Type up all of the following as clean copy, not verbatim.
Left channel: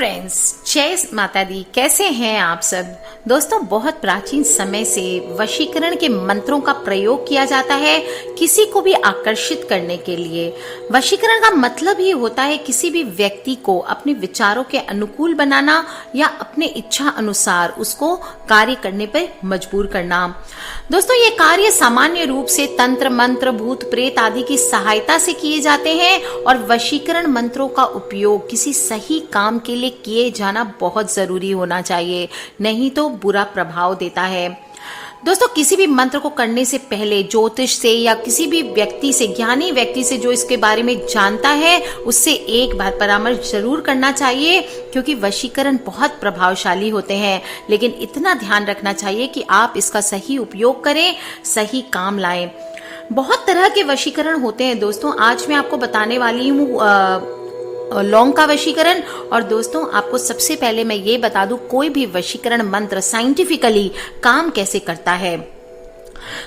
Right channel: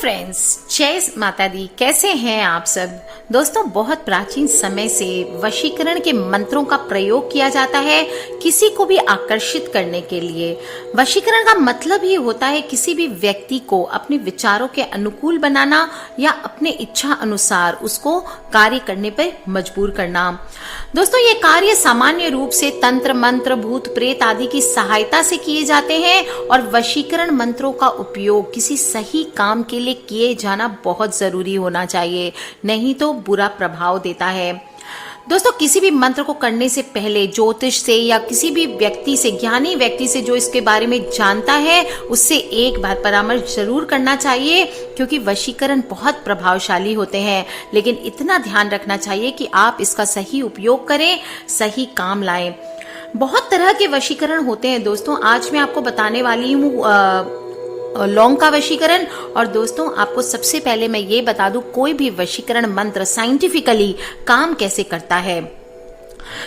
Friends, जय माता दी। कैसे हैं आप सब दोस्तों। बहुत प्राचीन समय से वशीकरण के मंत्रों का प्रयोग किया जाता है किसी को भी आकर्षित करने के लिए। वशीकरण का मतलब ही होता है किसी भी व्यक्ति को अपने विचारों के अनुकूल बनाना या अपने इच्छा अनुसार उसको कार्य करने पर मजबूर करना। दोस्तों, ये कार्य सामान्य रूप से तंत्र मंत्र, भूत प्रेत आदि की सहायता से किए जाते हैं और वशीकरण मंत्रों का उपयोग किसी सही काम के लिए किए जाना बहुत जरूरी होना चाहिए, नहीं तो बुरा प्रभाव देता है। दोस्तों, किसी भी मंत्र को करने से पहले ज्योतिष से या किसी भी व्यक्ति से, ज्ञानी व्यक्ति से जो इसके बारे में जानता है, उससे एक बार परामर्श जरूर करना चाहिए, क्योंकि वशीकरण बहुत प्रभावशाली होते हैं। लेकिन इतना ध्यान रखना चाहिए कि आप इसका सही उपयोग करें, सही काम लाएं। बहुत तरह के वशीकरण होते हैं दोस्तों। आज मैं आपको बताने वाली हूँ लौंग का वशीकरण। और दोस्तों, आपको सबसे पहले मैं ये बता दूं, कोई भी वशीकरण मंत्र साइंटिफिकली काम कैसे करता है।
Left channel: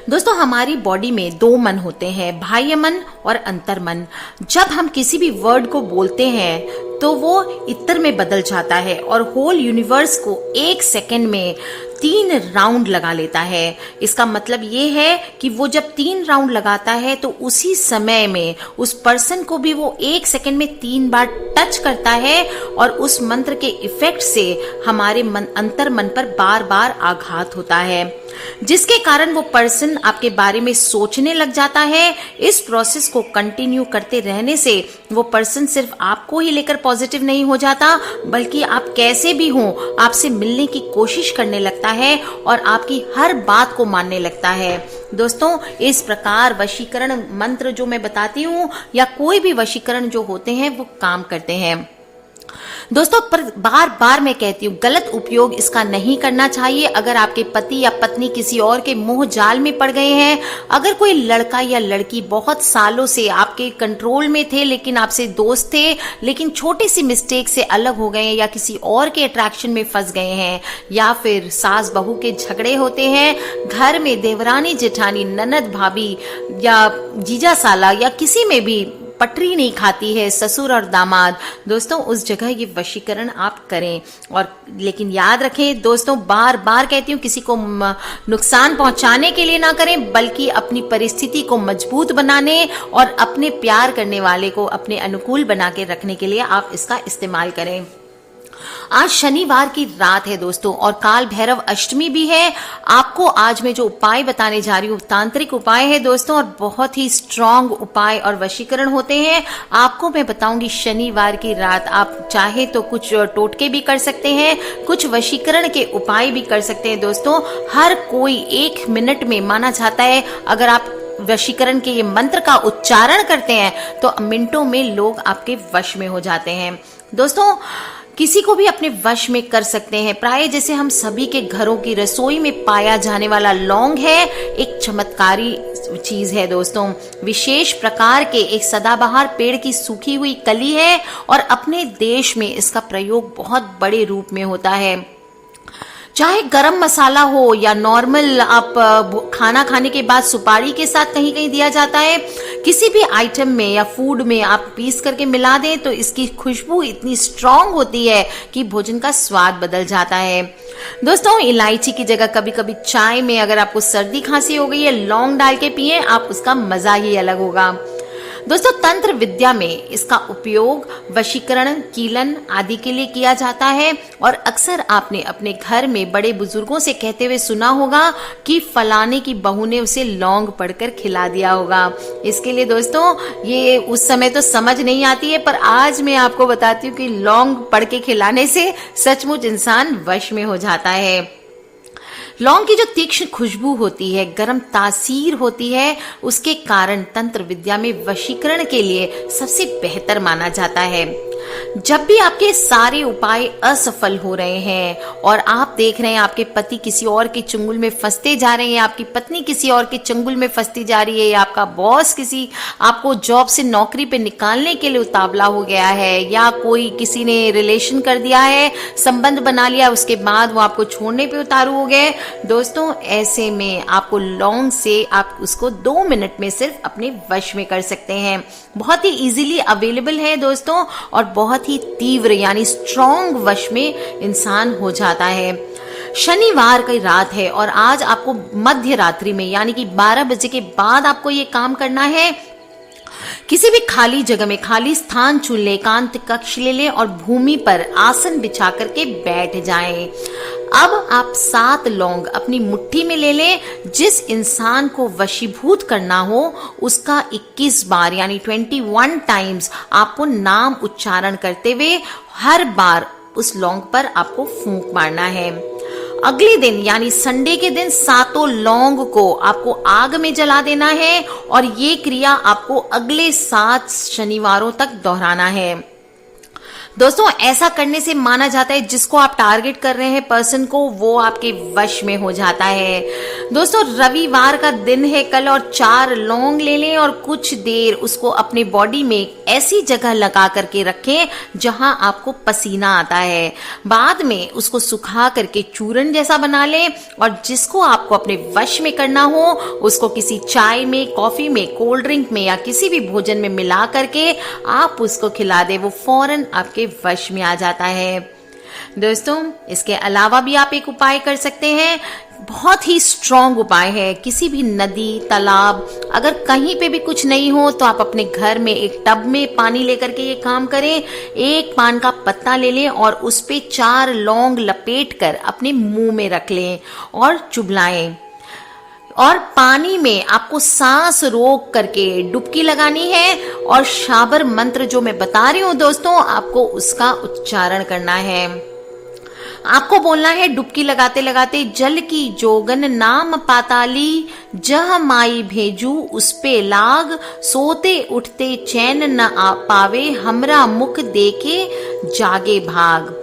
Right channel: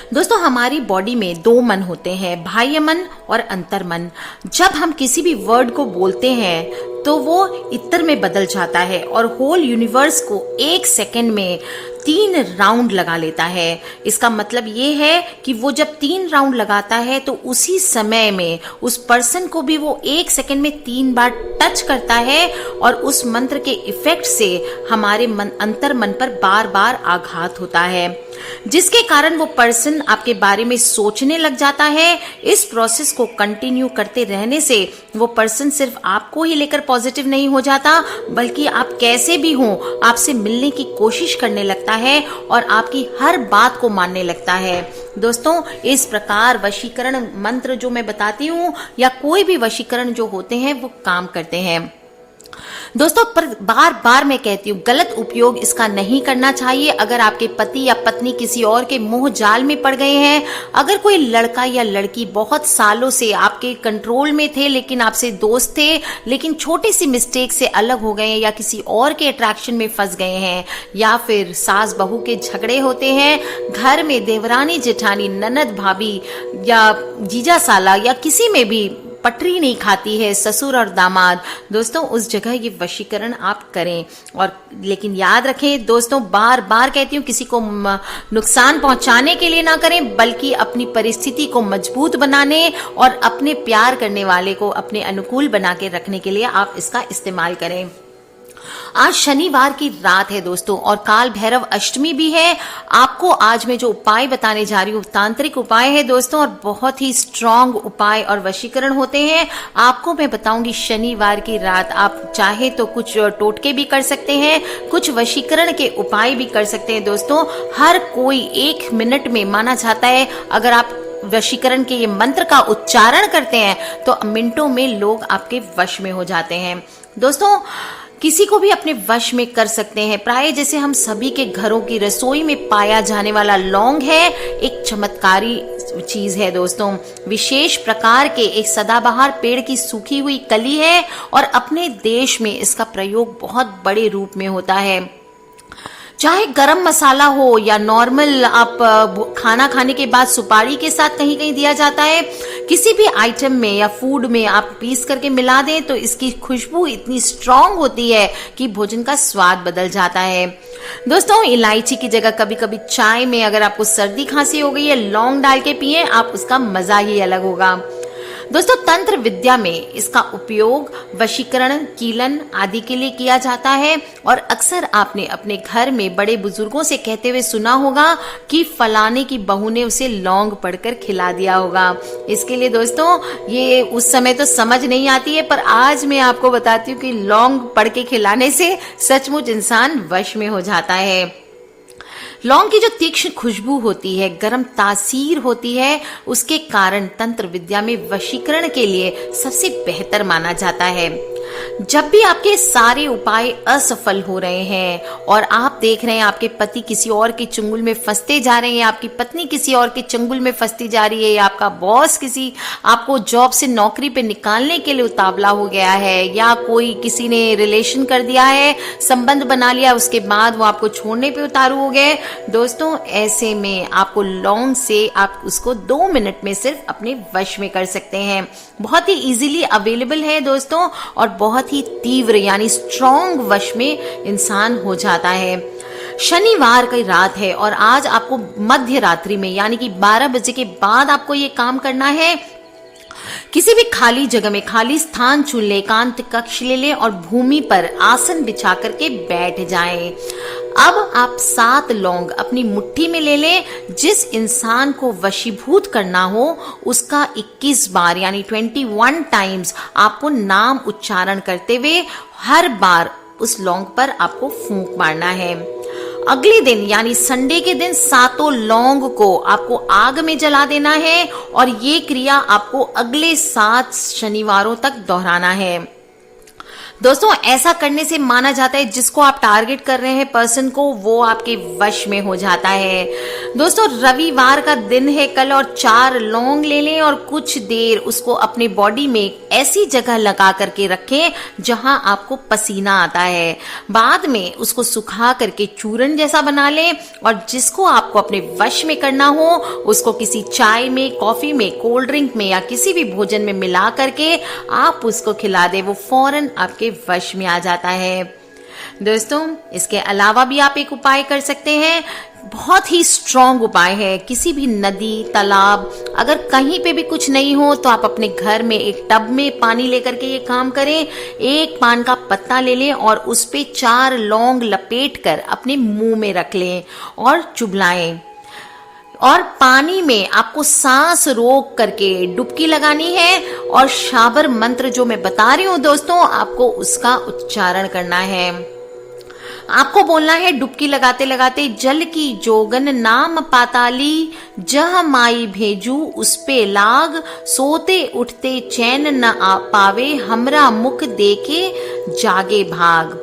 दोस्तों, हमारी बॉडी में दो मन होते हैं, बाह्य मन और अंतर मन। जब हम किसी भी वर्ड को बोलते हैं तो वो इतर में बदल जाता है और होल यूनिवर्स को एक सेकेंड में 3 राउंड लगा लेता है। इसका मतलब ये है कि वो जब 3 राउंड लगाता है तो उसी समय में उस पर्सन को भी वो एक सेकेंड में 3 बार टच करता है और उस मंत्र के इफेक्ट से हमारे अंतर मन पर बार बार आघात होता है, जिसके कारण वो पर्सन आपके बारे में सोचने लग जाता है। इस प्रोसेस को कंटिन्यू करते रहने से वो पर्सन सिर्फ आपको ही लेकर पॉजिटिव नहीं हो जाता, बल्कि आप कैसे भी हो आपसे मिलने की कोशिश करने लगता है और आपकी हर बात को मानने लगता है। दोस्तों, इस प्रकार वशीकरण मंत्र जो मैं बताती हूँ या कोई भी वशीकरण जो होते हैं वो काम करते हैं। दोस्तों, पर बार बार मैं कहती हूँ, गलत उपयोग इसका नहीं करना चाहिए। अगर आपके पति या पत्नी किसी और के मोह जाल में पड़ गए हैं, अगर कोई लड़का या लड़की बहुत सालों से आपके कंट्रोल में थे लेकिन आपसे दोस्त थे, लेकिन छोटी सी मिस्टेक से अलग हो गए या किसी और के अट्रैक्शन में फंस गए हैं, या फिर सास बहू के झगड़े होते हैं, घर में देवरानी जेठानी, ननद भाभी या जीजा साला या किसी में भी पटरी नहीं खाती है, ससुर और दामाद, दोस्तों उस जगह ये वशीकरण आप करें। और लेकिन याद रखें दोस्तों, बार बार कहती हूँ, किसी को नुकसान पहुंचाने के लिए ना करें, बल्कि अपनी परिस्थिति को मजबूत बनाने और अपने प्यार करने वाले को अपने अनुकूल बना के रखने के लिए आप इसका इस्तेमाल करें। आज शनिवार की रात है दोस्तों और काल भैरव अष्टमी भी है। आपको आज मैं जो उपाय बताने जा रही हूँ तांत्रिक उपाय है दोस्तों, और बहुत ही स्ट्रॉन्ग उपाय और वशीकरण होते हैं। आपको मैं बताऊंगी शनिवार की रात आप चाहे तो कुछ टोटके भी कर सकते हैं, कुछ वशीकरण के उपाय भी कर सकते हैं। दोस्तों, हर कोई 1 मिनट में माना जाता है, अगर आप वशीकरण के ये मंत्र का उच्चारण करते हैं तो मिनटों में लोग आपके वश में हो जाते हैं। दोस्तों, किसी को भी अपने वश में कर सकते हैं। प्राय जैसे हम सभी के घरों की रसोई में पाया जाने वाला लौंग है, एक चमत्कारी चीज है दोस्तों। विशेष प्रकार के एक सदाबहार पेड़ की सूखी हुई कली है और अपने देश में इसका प्रयोग बहुत बड़े रूप में होता है। चाहे गरम मसाला हो या नॉर्मल आप खाना खाने के बाद सुपारी के साथ कहीं कहीं दिया जाता है, किसी भी आइटम में या फूड में आप पीस करके मिला दें तो इसकी खुशबू इतनी स्ट्रॉन्ग होती है कि भोजन का स्वाद बदल जाता है। दोस्तों, इलायची की जगह कभी कभी चाय में अगर आपको सर्दी खांसी हो गई है, लौंग डाल के पिए, आप उसका मजा ही अलग होगा। दोस्तों, तंत्र विद्या में इसका उपयोग वशीकरण, कीलन आदि के लिए किया जाता है और अक्सर आपने अपने घर में बड़े बुजुर्गों से कहते हुए सुना होगा कि फलाने की बहू ने उसे लौंग पढ़कर खिला दिया होगा। इसके लिए दोस्तों, ये उस समय तो समझ नहीं आती है, पर आज मैं आपको बताती हूँ कि लौंग पढ़ के खिलाने से सचमुच इंसान वश में हो जाता है। लौंग की जो तीक्ष्ण खुशबू होती है, गर्म तासीर होती है, उसके कारण तंत्र विद्या में वशीकरण के लिए सबसे बेहतर माना जाता है। जब भी आपके सारे उपाय असफल हो रहे हैं और आप देख रहे हैं आपके पति किसी और के चंगुल में फंसते जा रहे हैं, आपकी पत्नी किसी और के चंगुल में फंसती जा रही है, या आपका बॉस किसी आपको जॉब से नौकरी पे निकालने के लिए उतावला हो गया है, या कोई किसी ने रिलेशन कर दिया है, संबंध बना लिया, उसके बाद वो आपको छोड़ने पे उतारू हो गए, दोस्तों ऐसे में आपको लौंग से आप उसको 2 मिनट में सिर्फ अपने वश में कर सकते हैं। बहुत ही इजीली अवेलेबल है दोस्तों और बहुत बहुत ही तीव्र यानी स्ट्रॉन्ग वश में इंसान हो जाता है। शनिवार की रात है और आज आपको मध्य रात्रि में यानी कि 12 बजे के बाद आपको ये काम करना है। किसी भी खाली जगह में खाली स्थान चुन ले, एकांत कक्ष ले ले और भूमि पर आसन बिछा करके बैठ जाएं। अब आप 7 लौंग अपनी मुट्ठी में ले ले। जिस इंसान को वशीभूत करना हो उसका 21 बार यानी 21 टाइम्स आपको नाम उच्चारण करते हुए हर बार उस लौंग पर आपको फूंक मारना है। अगले दिन यानी संडे के दिन 7 लौंग को आपको आग में जला देना है और ये क्रिया आपको अगले 7 शनिवारों तक दोहराना है। दोस्तों ऐसा करने से माना जाता है जिसको आप टारगेट कर रहे हैं पर्सन को, वो आपके वश में हो जाता है। दोस्तों रविवार का दिन है कल और 4 लौंग ले लें और कुछ देर उसको अपने बॉडी में ऐसी जगह लगा करके रखें जहां आपको पसीना आता है। बाद में उसको सुखा करके चूर्ण जैसा बना लें और जिसको आपको अपने वश में करना हो उसको किसी चाय में, कॉफी में, कोल्ड ड्रिंक में या किसी भी भोजन में मिला करके आप उसको खिला दें, वो फौरन आपके वश में आ जाता है। दोस्तों इसके अलावा भी आप एक उपाय कर सकते हैं, बहुत ही स्ट्रॉन्ग उपाय है। किसी भी नदी, तालाब, अगर कहीं पे भी कुछ नहीं हो तो आप अपने घर में एक टब में पानी लेकर के ये काम करें। एक पान का पत्ता ले लें और उस पे 4 लौंग लपेट कर अपने मुंह में रख लें और चुभलाएं। और पानी में आपको सांस रोक करके डुबकी लगानी है और शाबर मंत्र जो मैं बता रही हूँ दोस्तों आपको उसका उच्चारण करना है। आपको बोलना है डुबकी लगाते लगाते, जल की जोगन नाम पाताली, जह माई भेजू उस पे लाग, सोते उठते चैन न आ पावे, हमरा मुख देके जागे भाग।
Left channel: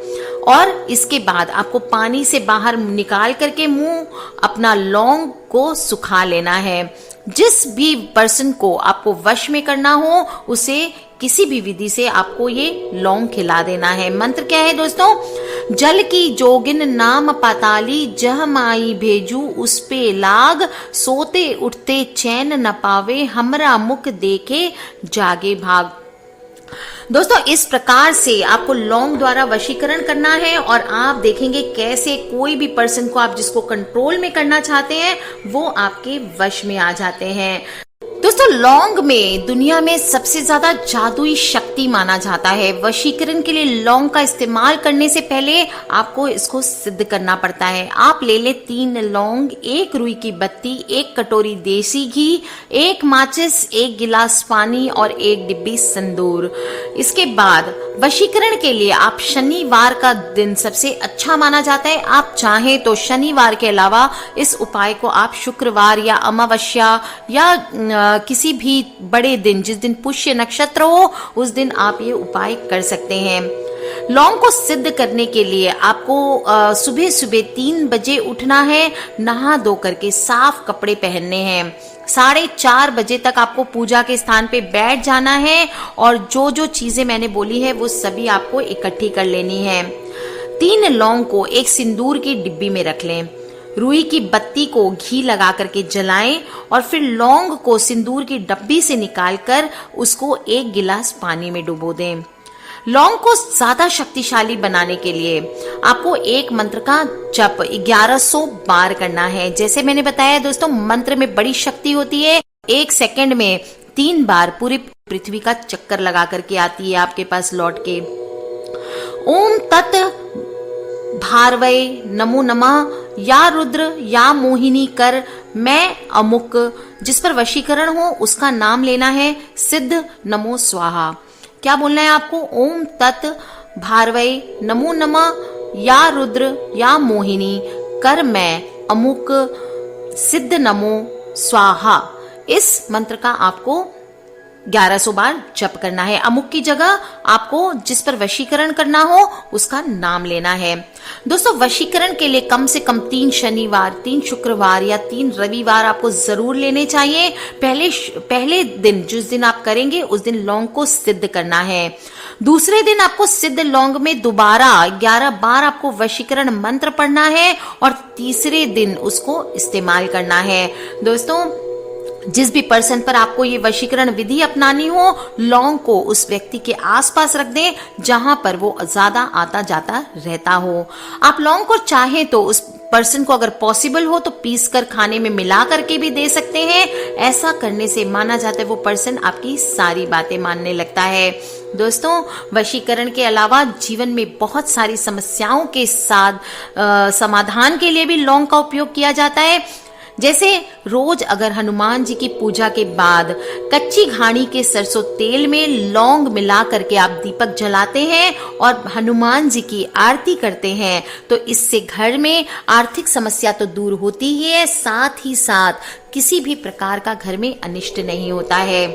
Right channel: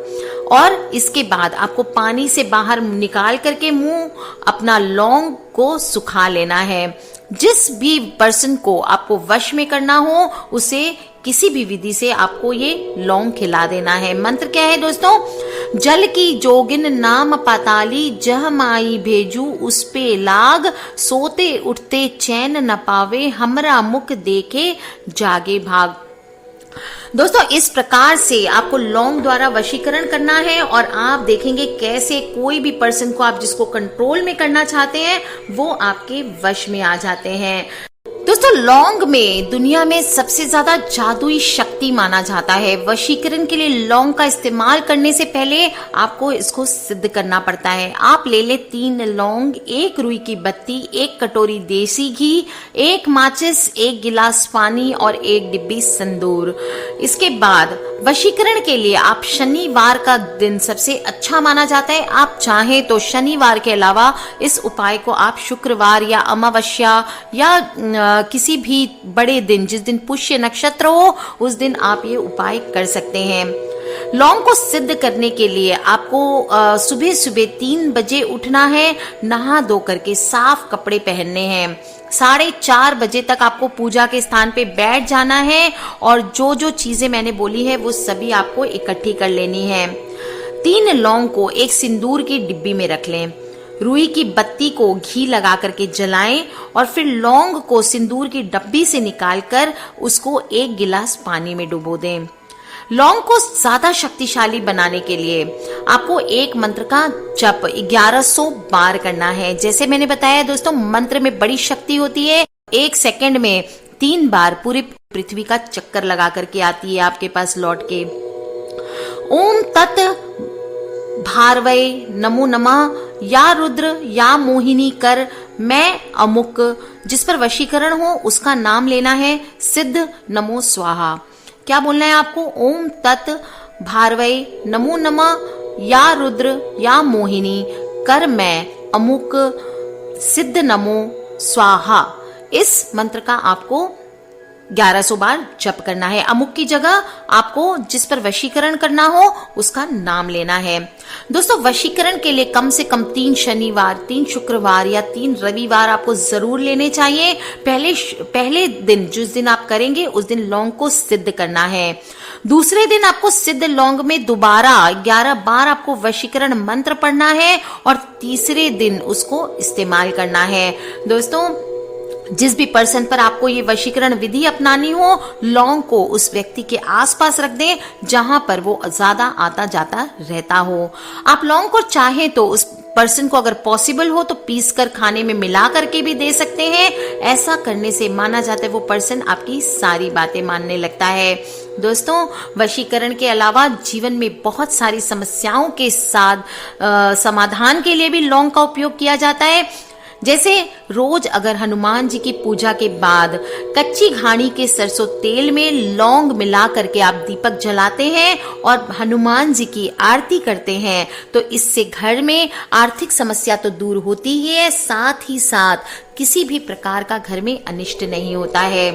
और इसके बाद आपको पानी से बाहर निकाल करके मुंह अपना लौंग को सुखा लेना है। जिस भी पर्सन को आपको वश में करना हो उसे किसी भी विधि से आपको ये लौंग खिला देना है। मंत्र क्या है दोस्तों? जल की जोगिन नाम पाताली, जह माई भेजू उस पे लाग, सोते उठते चैन न पावे, हमरा मुख देखे जागे भाग। दोस्तों इस प्रकार से आपको लौंग द्वारा वशीकरण करना है और आप देखेंगे कैसे कोई भी पर्सन को आप जिसको कंट्रोल में करना चाहते हैं वो आपके वश में आ जाते हैं। दोस्तों लौंग में दुनिया में सबसे ज्यादा जादुई शक्ति माना जाता है। वशीकरण के लिए लौंग का इस्तेमाल करने से पहले आपको इसको सिद्ध करना पड़ता है। आप ले ले 3 लौंग, 1 रुई की बत्ती, 1 कटोरी देसी घी, 1 माचिस, 1 गिलास पानी और 1 डिब्बी सिंदूर। इसके बाद वशीकरण के लिए आप शनिवार का दिन सबसे अच्छा माना जाता है। आप चाहें तो शनिवार के अलावा इस उपाय को आप शुक्रवार या अमावस्या या किसी भी बड़े दिन जिस दिन पुष्य नक्षत्र हो उस दिन आप ये उपाय कर सकते हैं। लौंग को सिद्ध करने के लिए आपको सुबह सुबह 3 बजे उठना है, नहा धो करके साफ कपड़े पहनने हैं। 4:30 बजे तक आपको पूजा के स्थान पे बैठ जाना है और जो जो चीजें मैंने बोली है वो सभी आपको इकट्ठी कर लेनी है। 3 लौंग को एक सिंदूर की डिब्बी में रख लें। रुई की बत्ती को घी लगा करके जलाएं और फिर लौंग को सिंदूर की डब्बी से निकालकर उसको 1 गिलास पानी में डुबो दें। लौंग को ज्यादा शक्तिशाली बनाने के लिए आपको एक मंत्र का जप 1100 बार करना है। जैसे मैंने बताया दोस्तों मंत्र में बड़ी शक्ति होती है। 1 सेकंड में 3 बार पूरी पृथ्वी का चक्कर लगा करके आती है आपके पास लौट के। ओम तत् भारवै नमो नमः, या रुद्र या मोहिनी कर मैं अमुक। जिस पर वशीकरण हो उसका नाम लेना है, सिद्ध नमो स्वाहा। क्या बोलना है आपको? ओम तत् भारवै नमो नमः, या रुद्र या मोहिनी कर मैं अमुक, सिद्ध नमो स्वाहा। इस मंत्र का आपको 1100 बार जप करना है। अमुक की जगह आपको जिस पर वशीकरण करना हो उसका नाम लेना है। दोस्तों वशीकरण के लिए कम से कम 3 शनिवार, 3 शुक्रवार या 3 रविवार आपको जरूर लेने चाहिए। पहले दिन जिस दिन आप करेंगे उस दिन लौंग को सिद्ध करना है। दूसरे दिन आपको सिद्ध लौंग में दोबारा 11 बार आपको वशीकरण मंत्र पढ़ना है और तीसरे दिन उसको इस्तेमाल करना है। दोस्तों जिस भी पर्सन पर आपको ये वशीकरण विधि अपनानी हो, लौंग को उस व्यक्ति के आसपास रख दें जहां पर वो ज्यादा आता जाता रहता हो। आप लौंग को चाहे तो उस पर्सन को अगर पॉसिबल हो तो पीस कर खाने में मिला करके भी दे सकते हैं। ऐसा करने से माना जाता है वो पर्सन आपकी सारी बातें मानने लगता है। दोस्तों, वशीकरण के अलावा जीवन में बहुत सारी समस्याओं के साथ समाधान के लिए भी लौंग का उपयोग किया जाता है। जैसे रोज अगर हनुमान जी की पूजा के बाद कच्ची घानी के सरसों तेल में लौंग मिला करके आप दीपक जलाते हैं और हनुमान जी की आरती करते हैं तो इससे घर में आर्थिक समस्या तो दूर होती ही है, साथ ही साथ किसी भी प्रकार का घर में अनिष्ट नहीं होता है।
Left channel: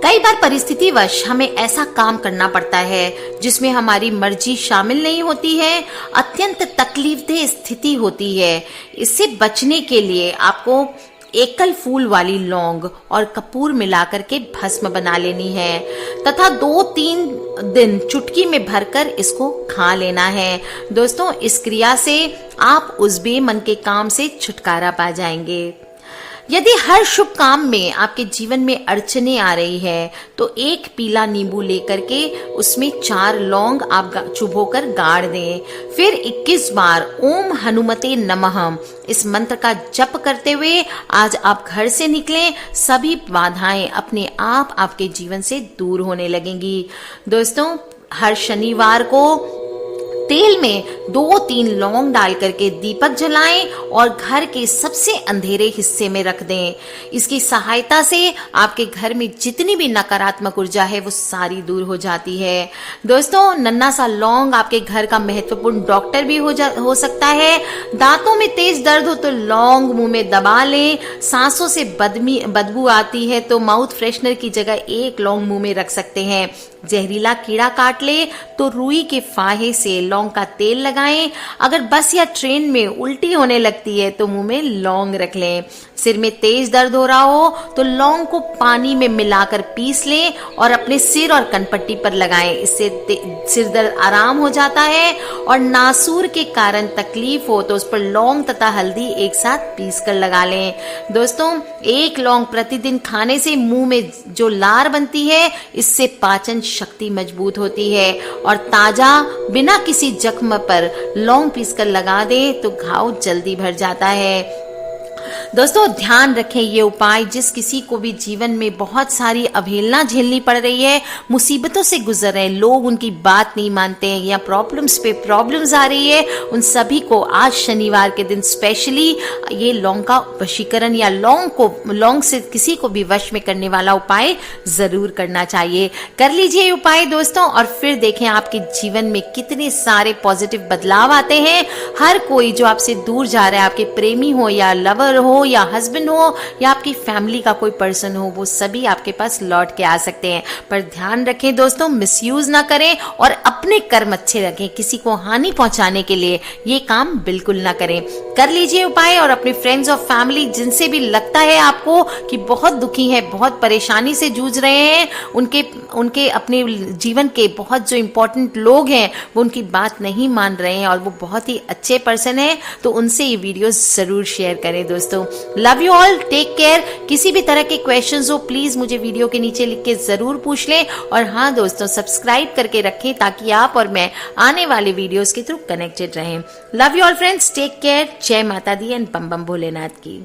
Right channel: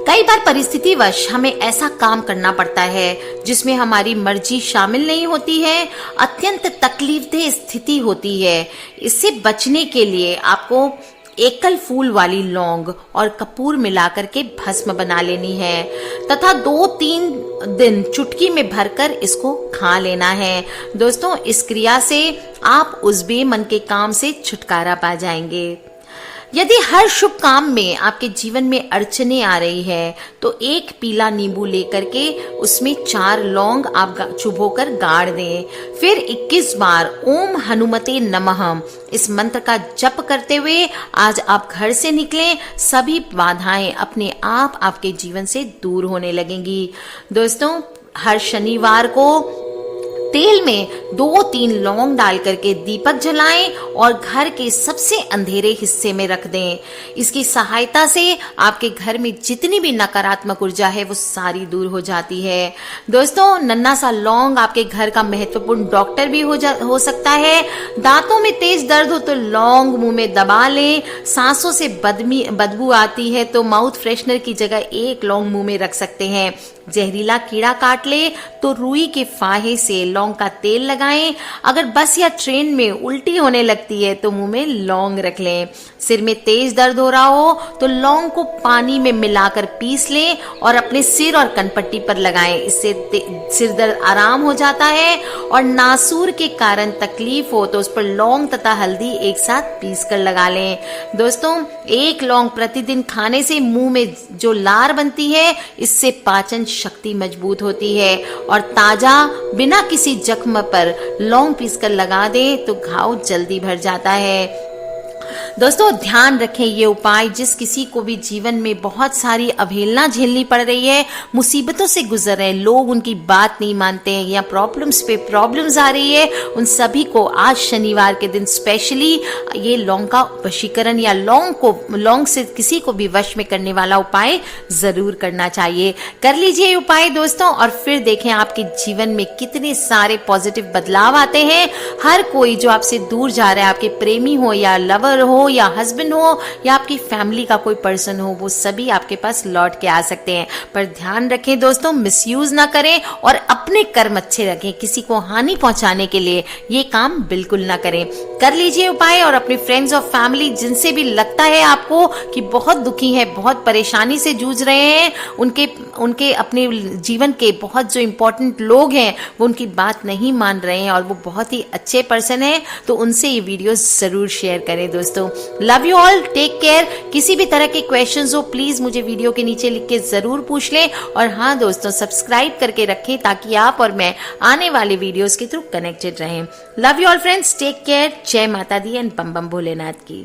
कई बार परिस्थितिवश हमें ऐसा काम करना पड़ता है जिसमें हमारी मर्जी शामिल नहीं होती है, अत्यंत तकलीफदेह स्थिति होती है। इससे बचने के लिए आपको एकल फूल वाली लौंग और कपूर मिलाकर के भस्म बना लेनी है तथा 2-3 दिन चुटकी में भरकर इसको खा लेना है। दोस्तों, इस क्रिया से आप उस बेमन के काम से छुटकारा पा जाएंगे। यदि हर शुभ काम में आपके जीवन में अड़चने आ रही है तो एक पीला नींबू लेकर के उसमें 4 लौंग आप चुभोकर गाड़ दें। फिर 21 बार ओम हनुमते नमः इस मंत्र का जप करते हुए आज आप घर से निकलें, सभी बाधाएं अपने आप आपके जीवन से दूर होने लगेंगी। दोस्तों, हर शनिवार को तेल में 2-3 लौंग डाल करके दीपक जलाएं और घर के सबसे अंधेरे हिस्से में रख दें। इसकी सहायता से आपके घर में जितनी भी नकारात्मक ऊर्जा है वो सारी दूर हो जाती है। दोस्तों, नन्हा सा लौंग आपके घर का महत्वपूर्ण डॉक्टर भी हो सकता है। दांतों में तेज दर्द हो तो लौंग मुंह में दबा लें। सांसों से बदबू आती है तो माउथ फ्रेशनर की जगह 1 लौंग मुंह में रख सकते हैं। जहरीला कीड़ा काट ले तो रुई के फाहे से लौंग का तेल लगाएं। अगर बस या ट्रेन में उल्टी होने लगती है तो मुंह में लौंग रख लें। सिर में तेज दर्द हो रहा हो तो लौंग को पानी में मिलाकर पीस लें और अपने सिर और कनपट्टी पर लगाएं। इससे सिर दर्द आराम हो जाता है। और नासूर के कारण तकलीफ हो तो उस पर लौंग तथा हल्दी एक साथ पीस कर लगा लें। दोस्तों, 1 लौंग प्रतिदिन खाने से मुंह में जो लार बनती है इससे पाचन शक्ति मजबूत होती है और ताजा बिना किसी जख्म पर लौंग पीसकर लगा दे तो घाव जल्दी भर जाता है। दोस्तों, ध्यान रखें ये उपाय जिस किसी को भी जीवन में बहुत सारी अवहेलना झेलनी पड़ रही है, मुसीबतों से गुजर रहे लोग उनकी बात नहीं मानते हैं या प्रॉब्लम्स पे प्रॉब्लम्स आ रही है, उन सभी को आज शनिवार के दिन स्पेशली ये लौंग का वशीकरण या लौंग से किसी को भी वश में करने वाला उपाय जरूर करना चाहिए। कर लीजिए उपाय दोस्तों और फिर देखें आपके जीवन में कितने सारे पॉजिटिव बदलाव आते हैं। हर कोई जो आपसे दूर जा रहा है, आपके प्रेमी हो या लवर हो या हस्बैंड हो या आपकी फैमिली का कोई पर्सन हो, वो सभी आपके पास लौट के आ सकते हैं। पर ध्यान रखें दोस्तों, मिसयूज ना करें और अपने कर्म अच्छे रखें। किसी को हानि पहुंचाने के लिए ये काम बिल्कुल ना करें। कर लीजिए उपाय और अपने फ्रेंड्स और फैमिली जिनसे भी लगता है आपको कि बहुत दुखी है, बहुत परेशानी से जूझ रहे हैं, उनके अपने जीवन के बहुत जो इम्पोर्टेंट लोग हैं वो उनकी बात नहीं मान रहे हैं और वो बहुत ही अच्छे पर्सन है, तो उनसे ये वीडियो जरूर शेयर करें दोस्तों। Love you all, take care. किसी भी तरह के क्वेश्चंस हो प्लीज मुझे वीडियो के नीचे लिख के जरूर पूछ लें और हाँ दोस्तों, सब्सक्राइब करके रखें ताकि आप और मैं आने वाले वीडियोस के थ्रू कनेक्टेड रहें। Love you all friends, take care. जय माता दी एंड बम बम भोलेनाथ की।